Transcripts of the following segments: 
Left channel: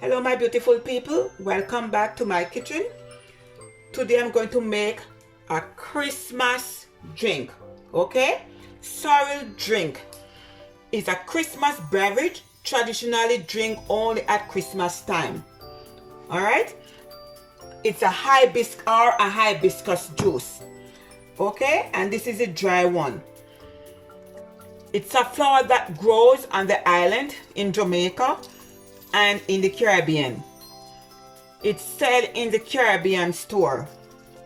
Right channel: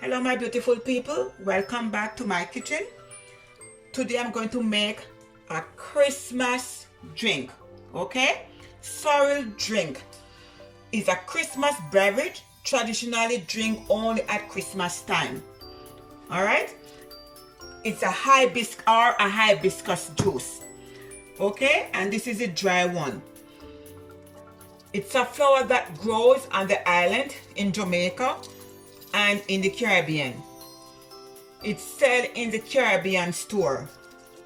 Hello my beautiful people, welcome back to my kitchen. Today I'm going to make a Christmas drink, okay? Sorrel drink is a Christmas beverage traditionally drink only at Christmas time. All right? It's a hibiscus juice, okay? And this is a dry one. It's a flower that grows on the island in Jamaica and in the Caribbean. It's sold in the Caribbean store,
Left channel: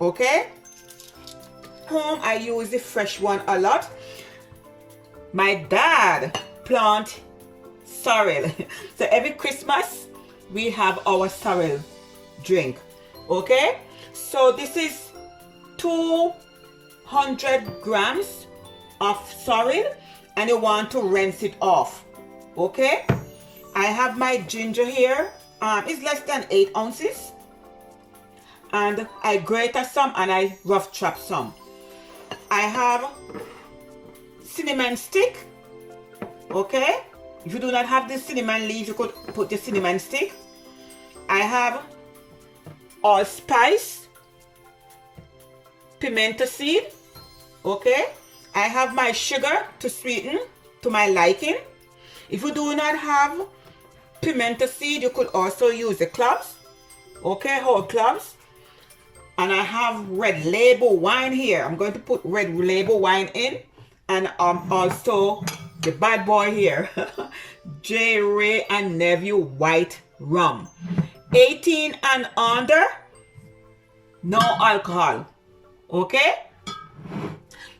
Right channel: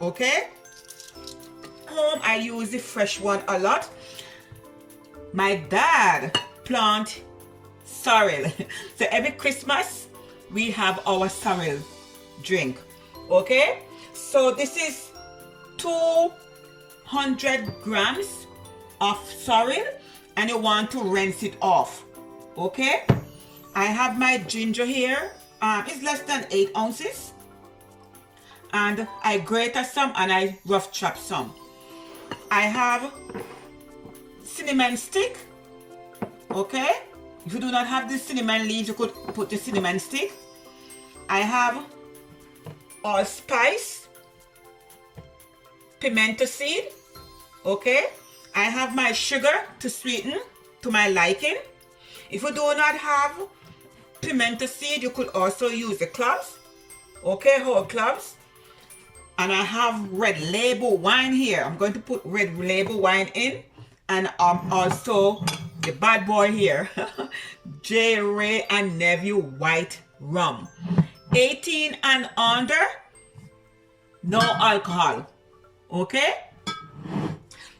okay? Home I use the fresh one a lot. My dad plant sorrel. So every Christmas we have our sorrel drink, okay? So this is 200 grams of sorrel and you want to rinse it off, okay? I have my ginger here. It's less than 8 ounces. And I grate some and I rough chop some. I have cinnamon stick. Okay? If you do not have the cinnamon leaves, you could put the cinnamon stick. I have allspice, pimento seed. Okay? I have my sugar to sweeten to my liking. If you do not have pimento seed, you could also use the cloves, okay, whole cloves. And I have red label wine here. I'm going to put red label wine in, and also the bad boy here, J. Ray and Nephew white rum, 18 and under, no alcohol, okay.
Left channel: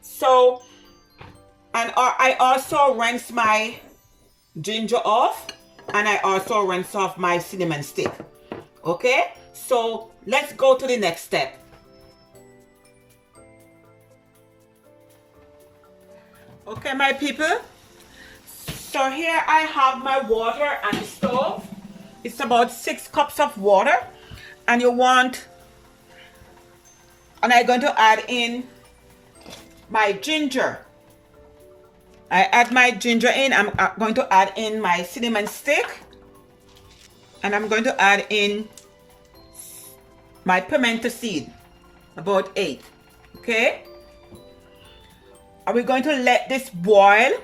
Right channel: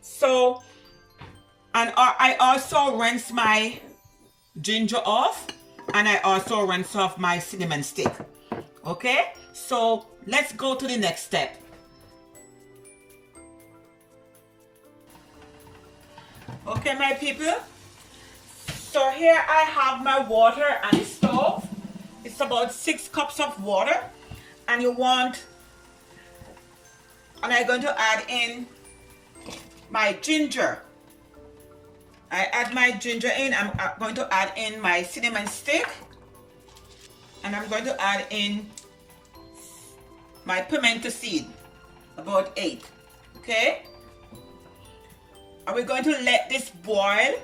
So, and I also rinse my ginger off. And I also rinse off my cinnamon stick. Okay? So let's go to the next step. Okay, my people. So here I have my water on the stove. It's about 6 cups of water. And I'm going to add in my ginger. I add my ginger in. I'm going to add in my cinnamon stick. And I'm going to add in my pimento seed. About 8. Okay? And we're going to let this boil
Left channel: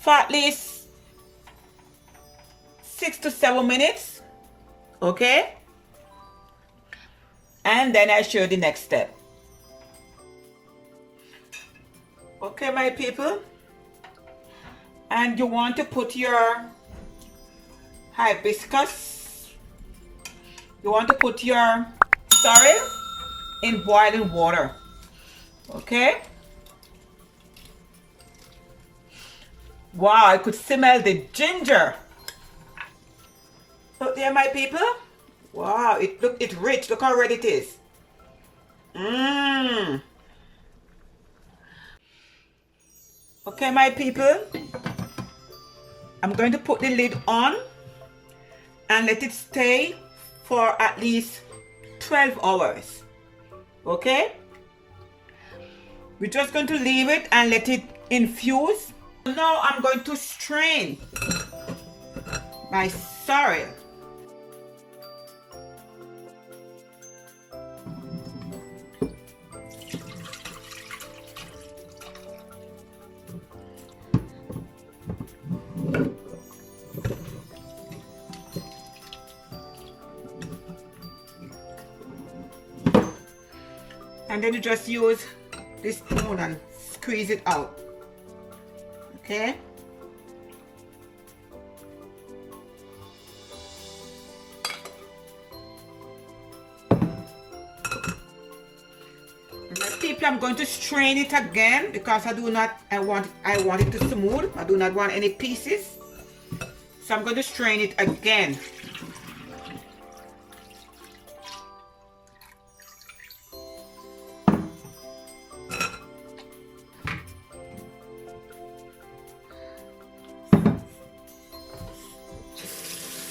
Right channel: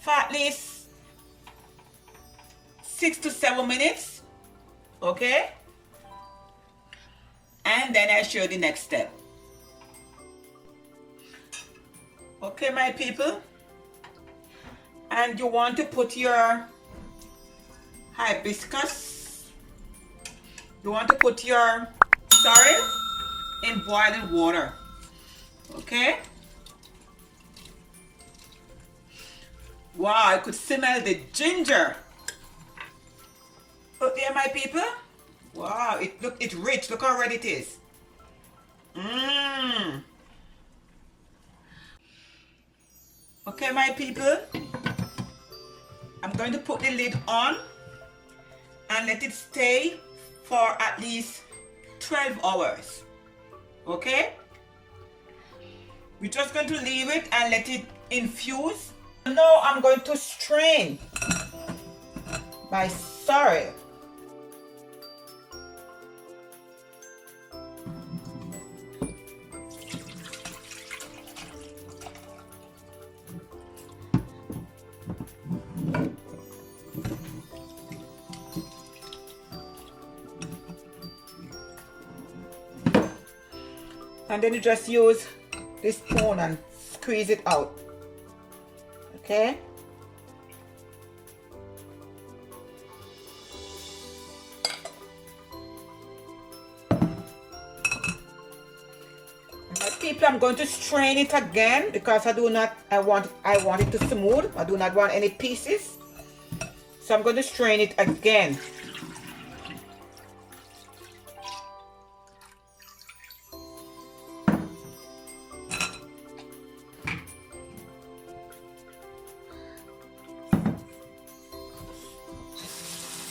for at least 6 to 7 minutes. Okay? And then I show you the next step. Okay, my people, and you want to put your hibiscus, you want to put your sorrel in boiling water, okay? Wow, I could smell the ginger. Look there, my people. Wow, it's rich. Look how red it is. Mmm. Okay, my people, I'm going to put the lid on and let it stay for at least 12 hours. Okay? We're just going to leave it and let it infuse. Now I'm going to strain my sorrel. And then you just use this spoon and squeeze it out. Okay? And my people, I'm going to strain it again because I want it to smooth. I do not want any pieces. So I'm going to strain it again.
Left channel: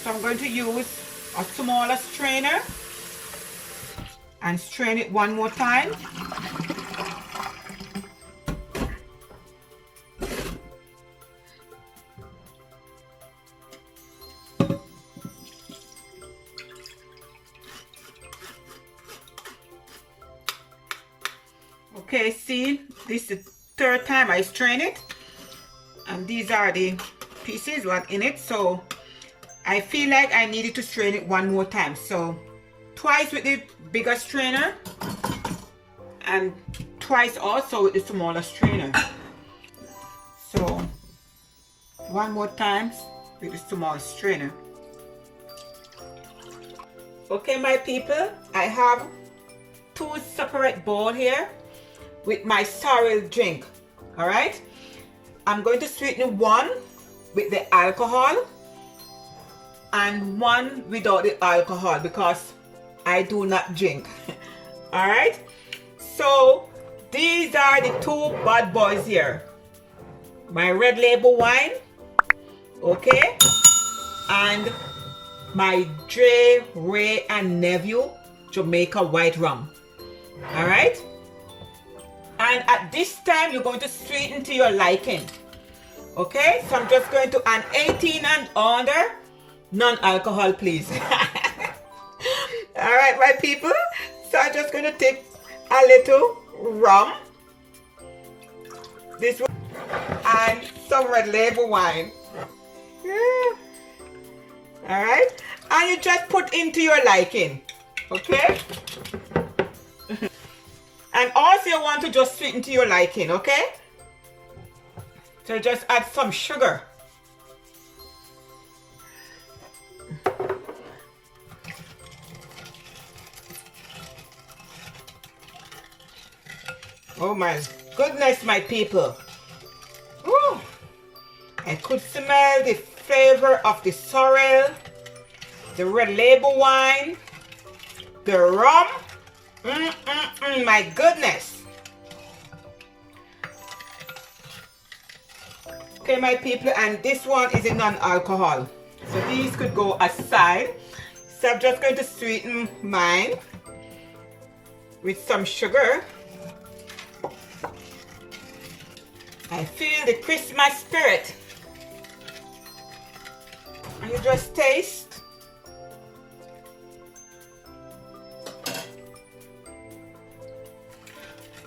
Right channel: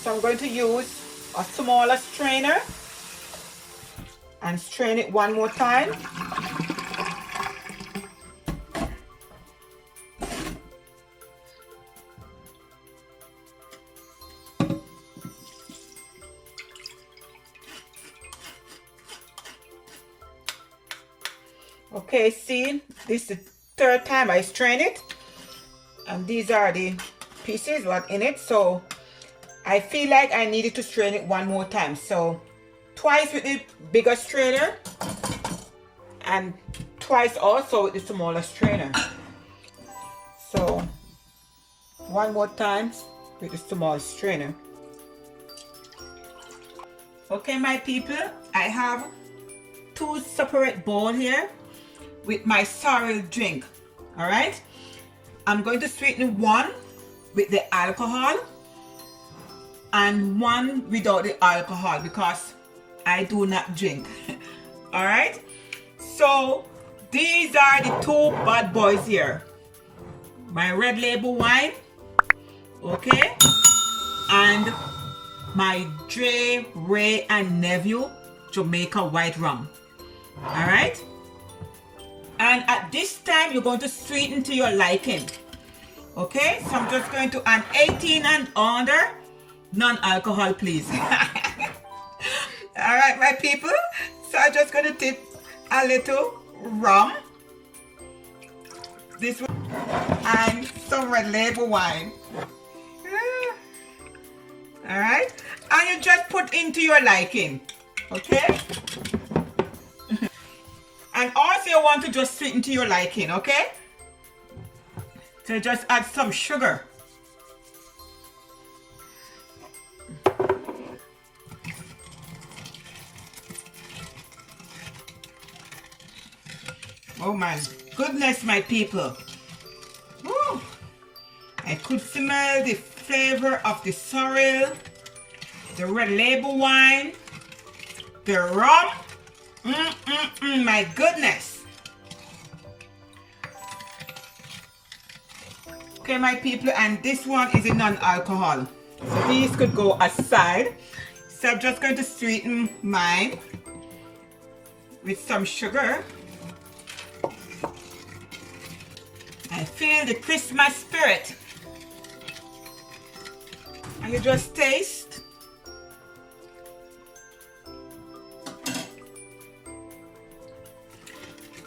So I'm going to use a smaller strainer and strain it one more time. Okay, see, this is the third time I strain it, and these are the pieces what in it. So I feel like I needed to strain it one more time, so twice with the bigger strainer and twice also with the smaller strainer. So one more time with the small strainer. Okay, my people, I have two separate bowls here with my sorrel drink. All right, I'm going to sweeten one with the alcohol and one without the alcohol because I do not drink. All right, so these are the two bad boys here. My red label wine, okay, and my Dre, Ray, and Nephew Jamaica white rum. All right, and at this time you're going to sweeten to your liking. Okay, so I'm just going to add 18 and under, non-alcohol, please. All right, my people, so I'm just going to take a little rum, this one, and some red label wine. All right, and you just put into your liking, okay? And also you want to just sweeten to your liking, okay? So just add some sugar. Oh my goodness, my people. Woo. I could smell the flavor of the sorrel, the red label wine, the rum. My goodness. Okay, my people, and this one is a non-alcohol. So these could go aside. So I'm just going to sweeten mine with some sugar. I feel the Christmas spirit. And you just taste.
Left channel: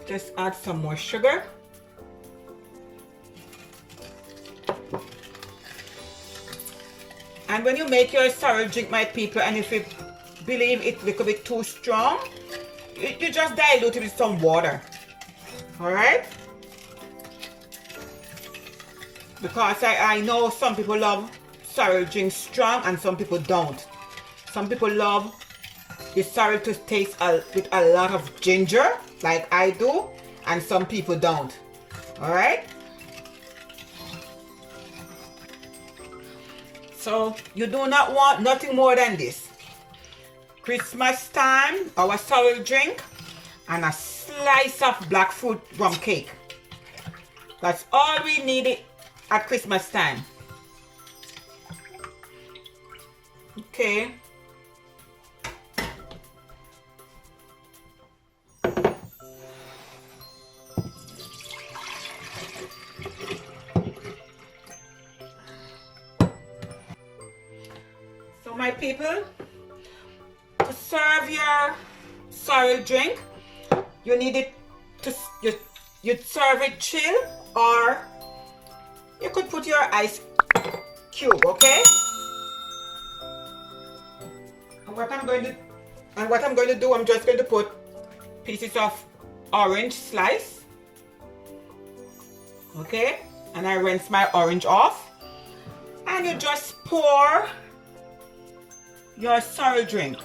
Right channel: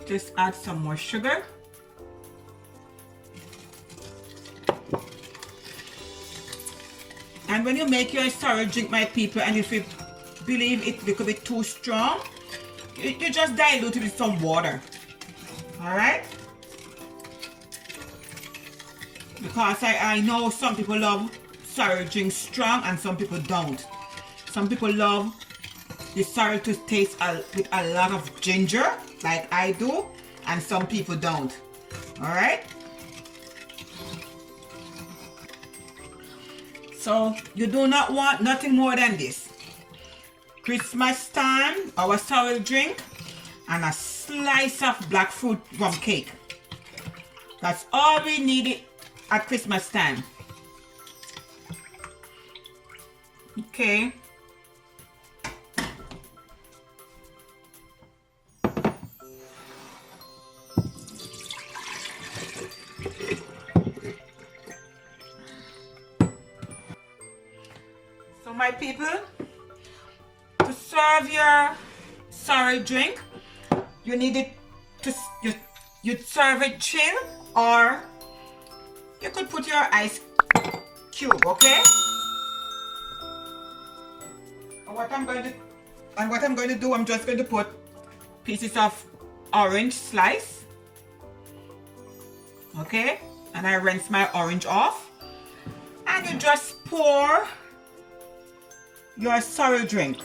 Just add some more sugar. And when you make your sorrel drink, my people, and if you believe it's a little bit too strong, you just dilute it with some water. All right? Because I know some people love sorrel drink strong and some people don't. Some people love the sorrel to taste with a lot of ginger, like I do, and some people don't. All right? So you do not want nothing more than this. Christmas time, our sorrel drink, and a slice of black fruit rum cake. That's all we need at Christmas time. Okay. So my people, to serve your sorrel drink, you need it to you'd serve it chill, or you could put your ice cube, okay? And what I'm going to do, I'm just going to put pieces of orange slice, okay? And I rinse my orange off, and you just pour your sorrel drink.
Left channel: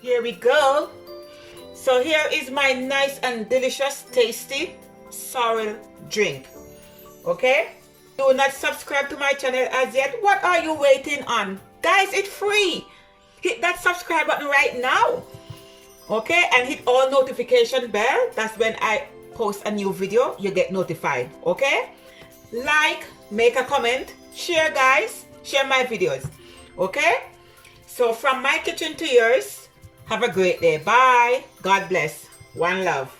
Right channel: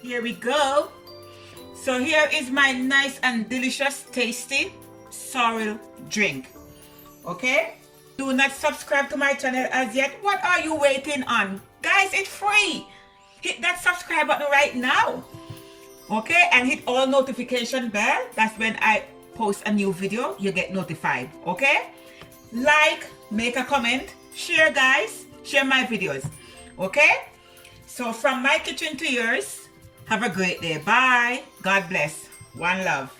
Here we go. So here is my nice and delicious, tasty sorrel drink. Okay? Do not subscribe to my channel as yet. What are you waiting on? Guys, it's free. Hit that subscribe button right now. Okay? And hit all notification bell. That's when I post a new video, you get notified. Okay? Like, make a comment, share, guys. Share my videos. Okay? So from my kitchen to yours, have a great day. Bye. God bless. One love.